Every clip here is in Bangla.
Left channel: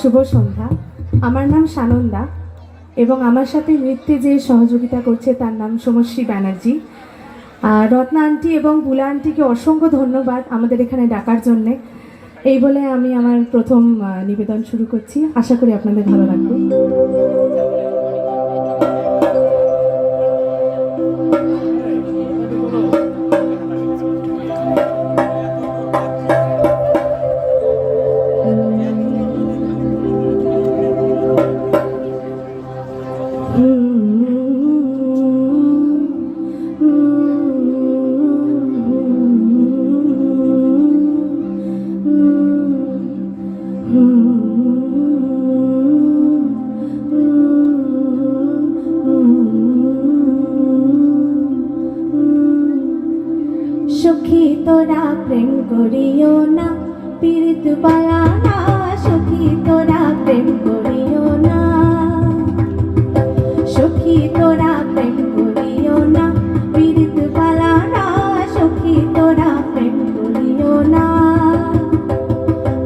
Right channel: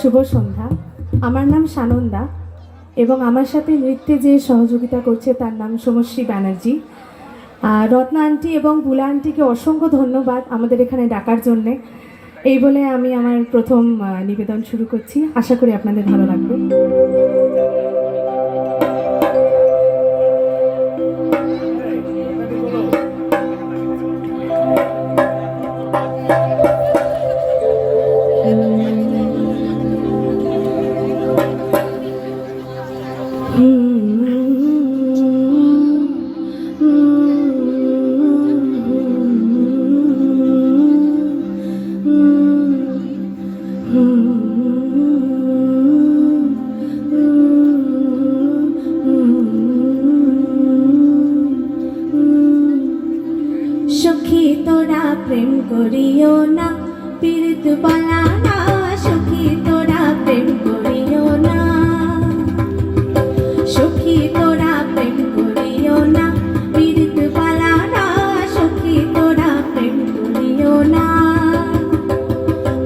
শুভ সন্ধ্যা। আমার নাম সানন্দা এবং আমার সাথে নৃত্যে যে সহযোগিতা করছে তার নাম সমশ্রী ব্যানার্জি। রত্না আন্টি এবং বুলা আন্টিকে অসংখ্য ধন্যবাদ আমাদের এখানে ডাকার জন্যে। এই বলে আমি আমার প্রথম নিবেদন শুরু করছি। আশা করি আপনাদের ভালো লাগবে। সখী তোরা প্রেম করিও না, পীড়িত পালা না। সখী তোরা প্রেম করিও না, সখী তোরা প্রেম করিও না, পীড়িত পালা না। সখী তোরা প্রেম করিও না।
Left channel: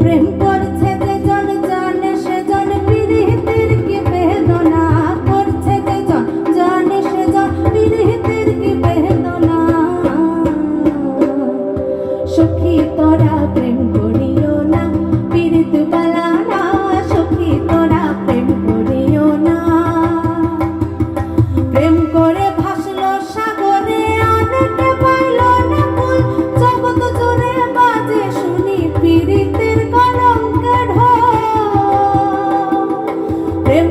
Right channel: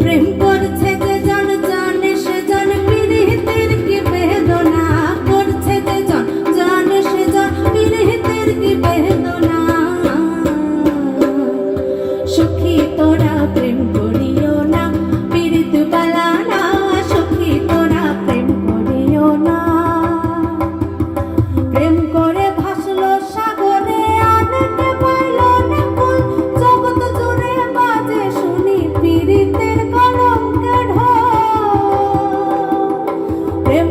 প্রেম করছে যে জন জানে সে জন, পীড়িতের কি বেদনা। করছে যে জন জানে সে জন, পীড়িতের কি বেদনা। সখী তোরা প্রেম করিও না, পীড়িত বালা না। সখী তোরা প্রেম করিও না। প্রেম করে ভাসলো সাগরে, আনতে পাইল না ফুল। জগৎ জুড়ে বাজে শুনি পীড়িতের কলঙ্কের ঢোল। প্রেম